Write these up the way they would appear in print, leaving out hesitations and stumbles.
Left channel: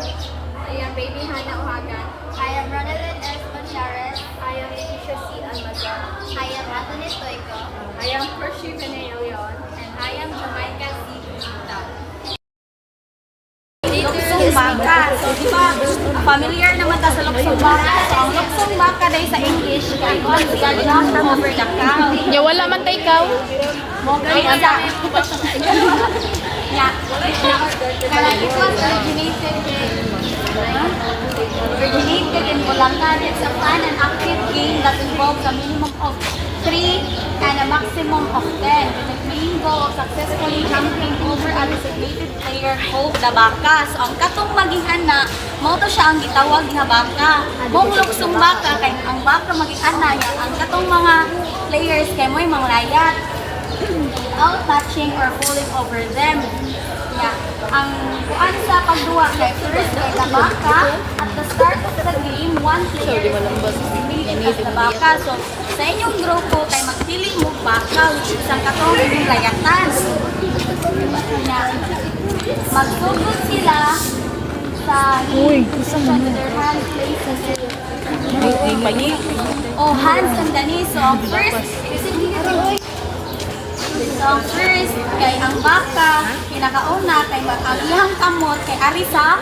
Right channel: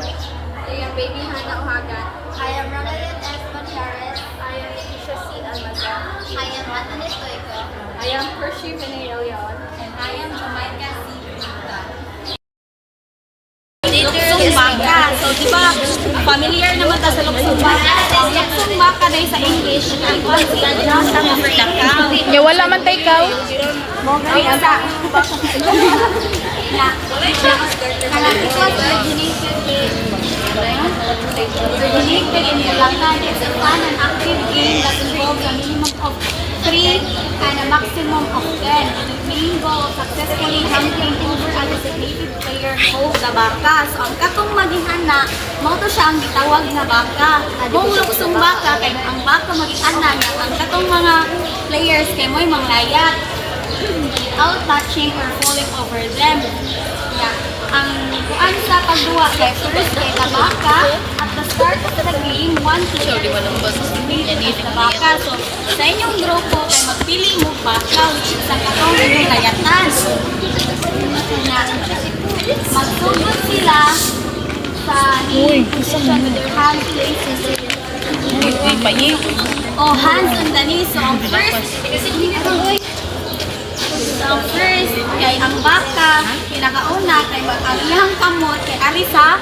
I am Baby Hannah Ohagan. I am Ronaldin S. Manchares. I am Leticia C. Almazan. I am Anthony Stoico. I am Percy Vinay Leon. And I am Jamaica C. Pinta. Luksong baka. So, di ba, familiar naman ta sa luksong baka. Ang luksong baka dahil sa English, kaya ito ang siya after over the cow. Ya wala man tay ikaw. Mo kay asa. Na, originated in Bulacan, it's a fun and active game that involves a minimum of 3 and a maximum of 10. The main goal of successfully jumping over a designated player called the baka. So, ang katong mag-ihana, mo to siya ang gitawag na baka. Kung luksong baka, kay ang baka mag-ihana niya, ang katong mga players kay mo'y manglayat without touching or falling over them. Yeah. Ang kuan sa pagduwa kay first kay the baka at the start of the game, one player is designated as the baka. So, sa inyong grupo kay magpili mo baka which is ang katong inyong layatan. Magsugod sila sa knee position with their hands placed in hands on the knee. So, ang first, kay ang baka, pinakauna, kay ang iyang kamot, kay Arisa,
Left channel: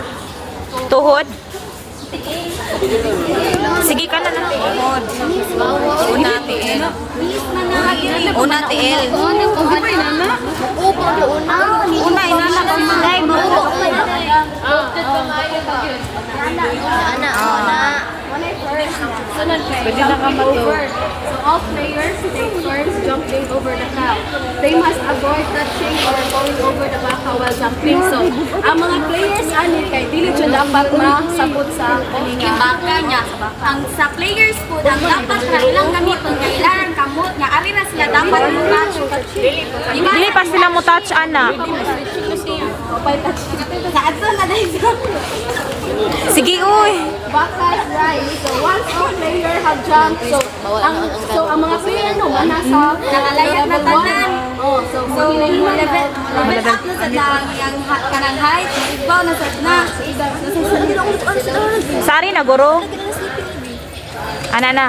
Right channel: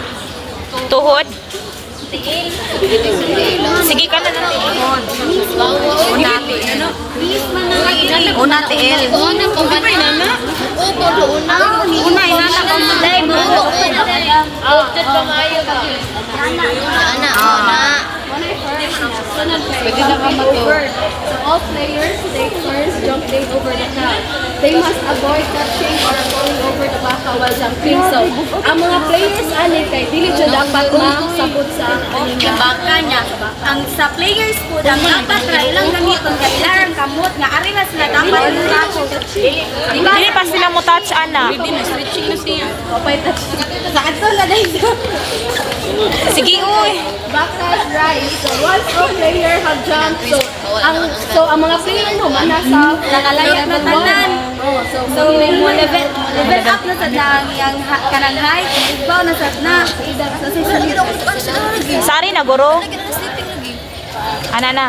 Tuhod. tiil. Sige ka na ng tuhod. Bis man na dili. Una tiil. Una, inana kong silay mo. When I first, sunod kay jumping over. So all players take turns jumping over the cow. They must avoid touching or falling over the baka while jumping. So, ang mga players ani kay dili siya dapat masabot sa baka niya. Ang sa players po, ang dapat ra ilang gamiton kay ilang kamot nga ari na sila dapat touch. Diba? Dili pa sila mo touch, ana. Papay touch. Sa ato na dahil. Sige, uy. Baka's right. So once all player have jumped, so ang mga player no man nasa nakalayat na tanan. Oh, so mo level up na sa yang kanang height, ibaw na sa na. So sa dito Sari na, guro. Ana na.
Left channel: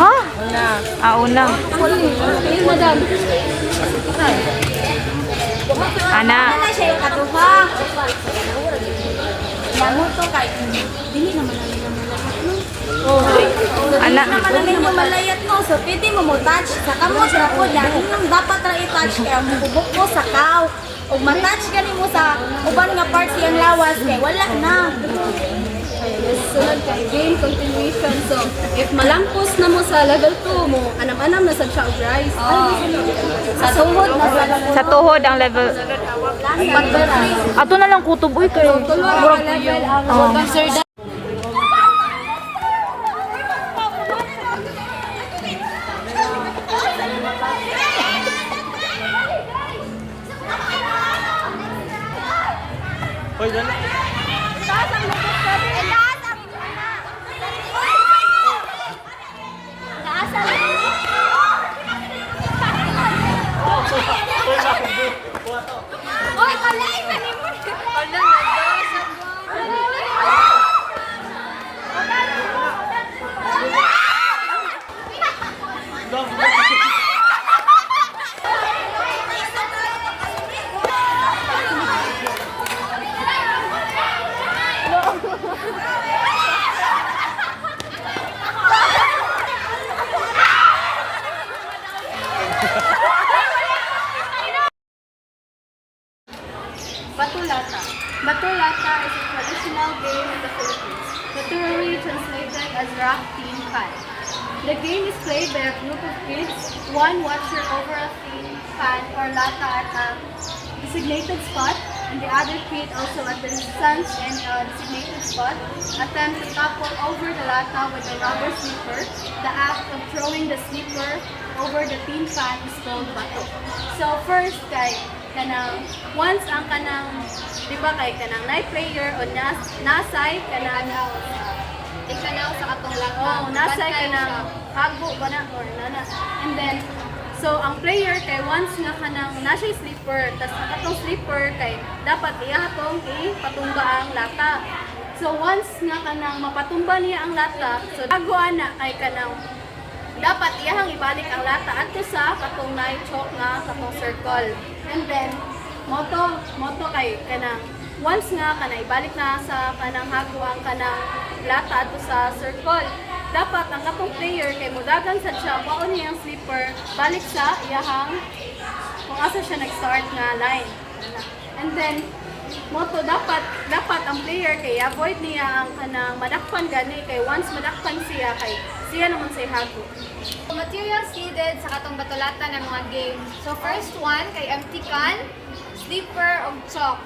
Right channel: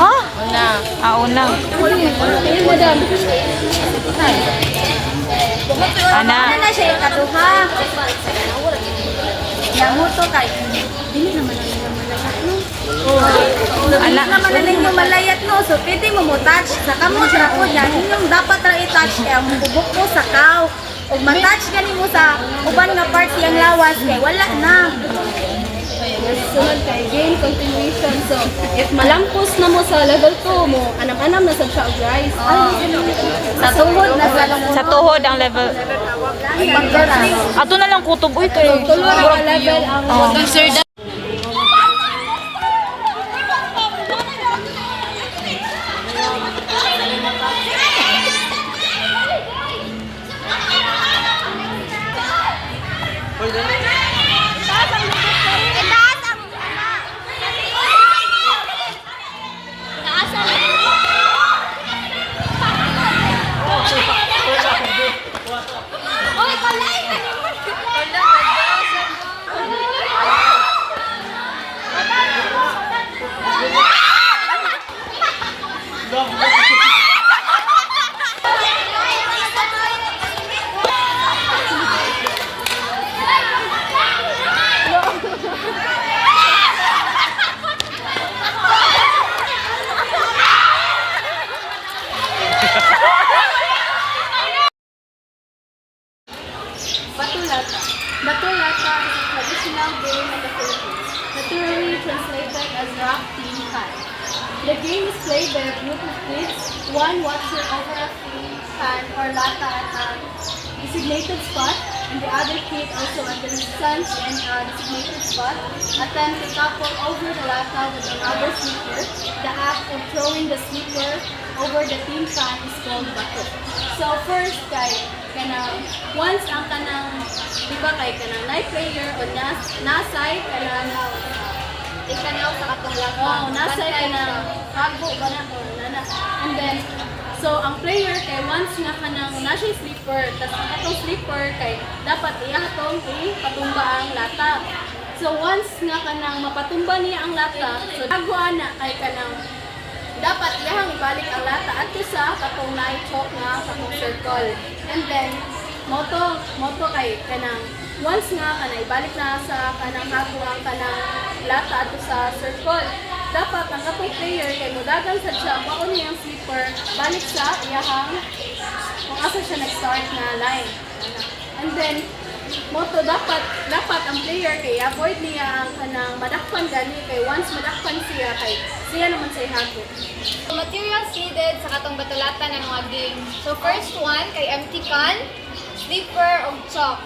Ha? Una. madam. Ana. Ano na siya yung katuha? Yang to kay dili naman na nila malayat no. Oh. Dili naman na ninyo malayat no. So pwede mo touch sa kamot ra po yan. Yung dapat ra i-touch kay ang bubok mo sa kaw. Ug ma-touch gani mo sa uban nga parts yang lawas kay wala na. Sunod kay game continuation. So, if malampos na mo sa level 2 mo, anam-anam na sa siya og rice. Sa tuhod na Sa tuhod ang level. pagdara. Ato na lang kutob. Uy, kayo. Tulo ra level ang Batulata. Batulata is a traditional game of the Philippines, literally translated as rock team pan. The game is played by a group of kids. One watcher over a pan or lata at a designated spot, and the other kid also at the distance and designated spot attempt to topple over the lata with a rubber slipper. The act of throwing the slipper over the tin pan is called bato. So first kay kanang once ang kanang di ba kay kanang night player o nasay kanang ikanaw sa katong lata. Oh, nasay kanang hago ba na or nana. And then So, ang player kay once nga kanang nasa sleeper, tas ang katong sleeper kay dapat iya hatong ipatumba ang lata. So, once nga kanang mapatumba niya ang lata, so dago ana kay kanang dapat iyahang ibalik ang lata adto sa katong na-choke nga katong circle. And then, moto kay kanang once nga kanang ibalik na sa kanang hago ang kanang lata adto sa circle. Dapat ang katong player kay mudagan sa siya maon niyang sleeper balik sa iyahang kung asa siya nag-start na line. And then moto dapat ang player kay avoid niya ang kanang madakpan gani kay once madakpan siya kay siya naman sa hago. Materials needed sa katong batulata ng mga game. So first one kay empty can, sleeper, ug chalk.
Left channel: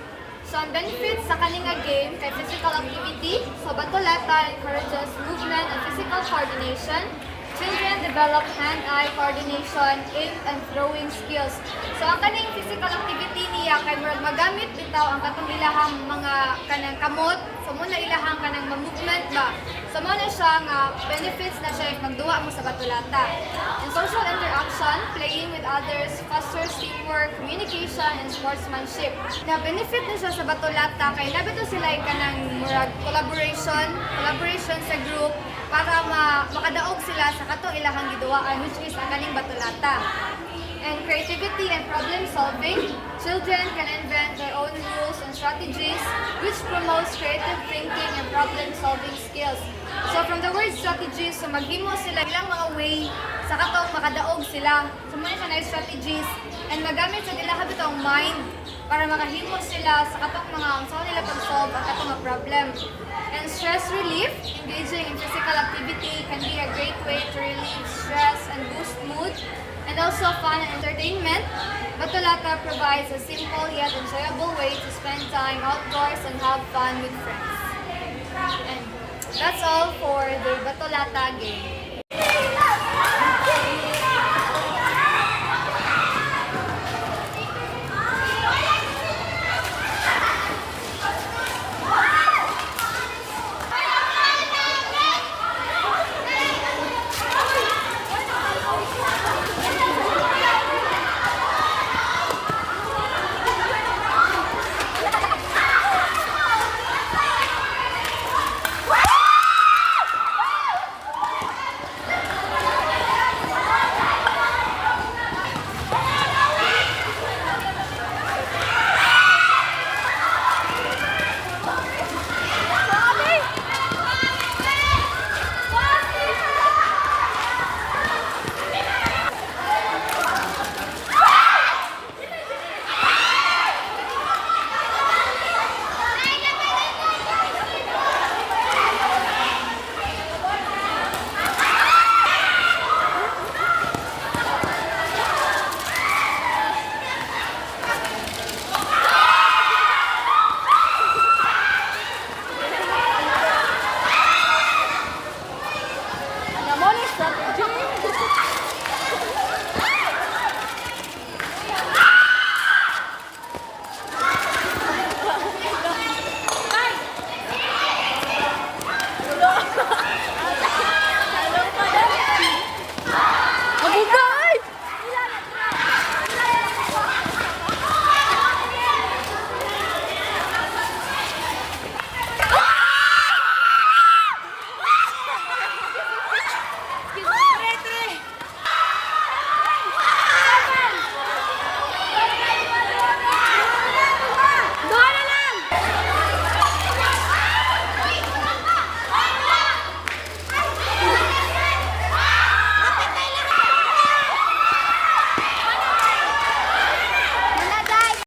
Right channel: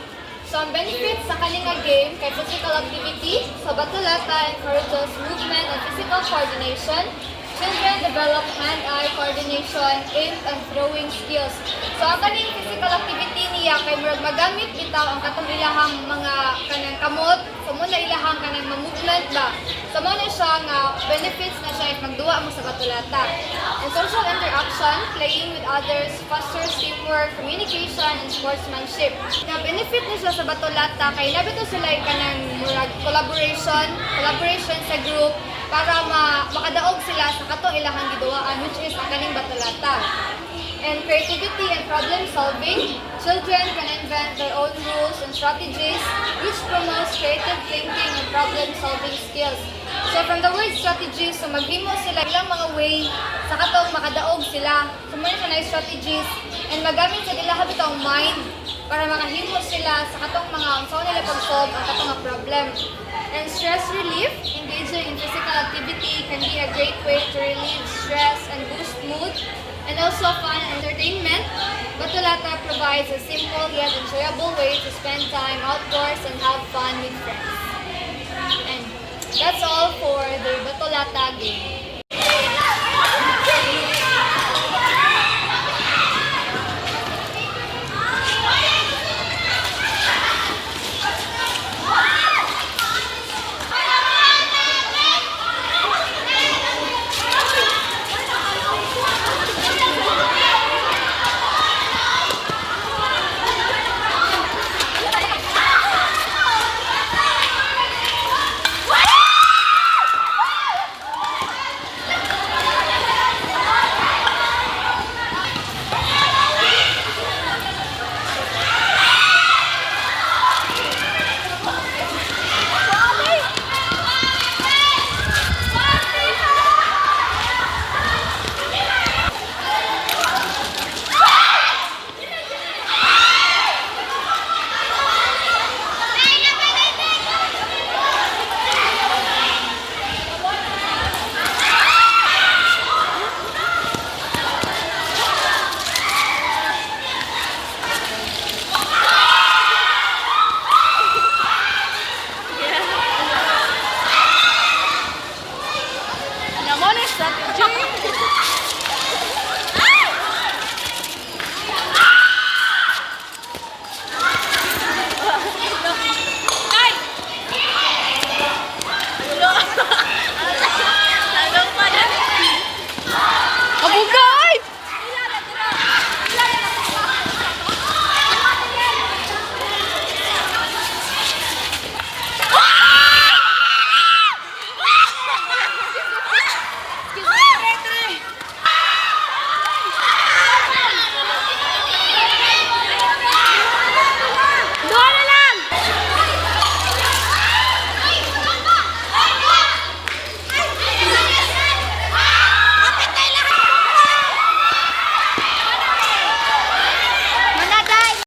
So ang benefits sa kaninga game kay physical activity. So batulata encourages movement and physical coordination. Children develop hand-eye coordination, aim and throwing skills. So ang kaning physical activity niya kay murag magamit bitaw ang katong ilahang mga kanang kamot. So muna ilahang kanang movement ba. So mo na siya nga benefits na siya if magduwa mo sa batulata. And social interaction, playing with others, fosters teamwork, communication, and sportsmanship. Na benefit na siya sa batulata kay nabito sila kanang murag collaboration sa group para makadaog sila sa katong ilahang giduwaan which is ang kaning batulata. And creativity and problem solving, children can invent their own rules and strategies which promotes creative thinking and problem solving skills. So from the word strategies, so maghimo sila ilang mga way sa katong makadaog sila. So muna siya na strategies and magamit sa nila habitang mind para makahimo sila sa katong mga ang saan nila pag-solve ang katong mga problem. And stress relief, engaging in physical activity can be a great way to relieve stress and boost mood. And also fun and entertainment. Batulata provides a simple yet enjoyable way to spend time outdoors and have fun with friends. And that's all for the Batulata game.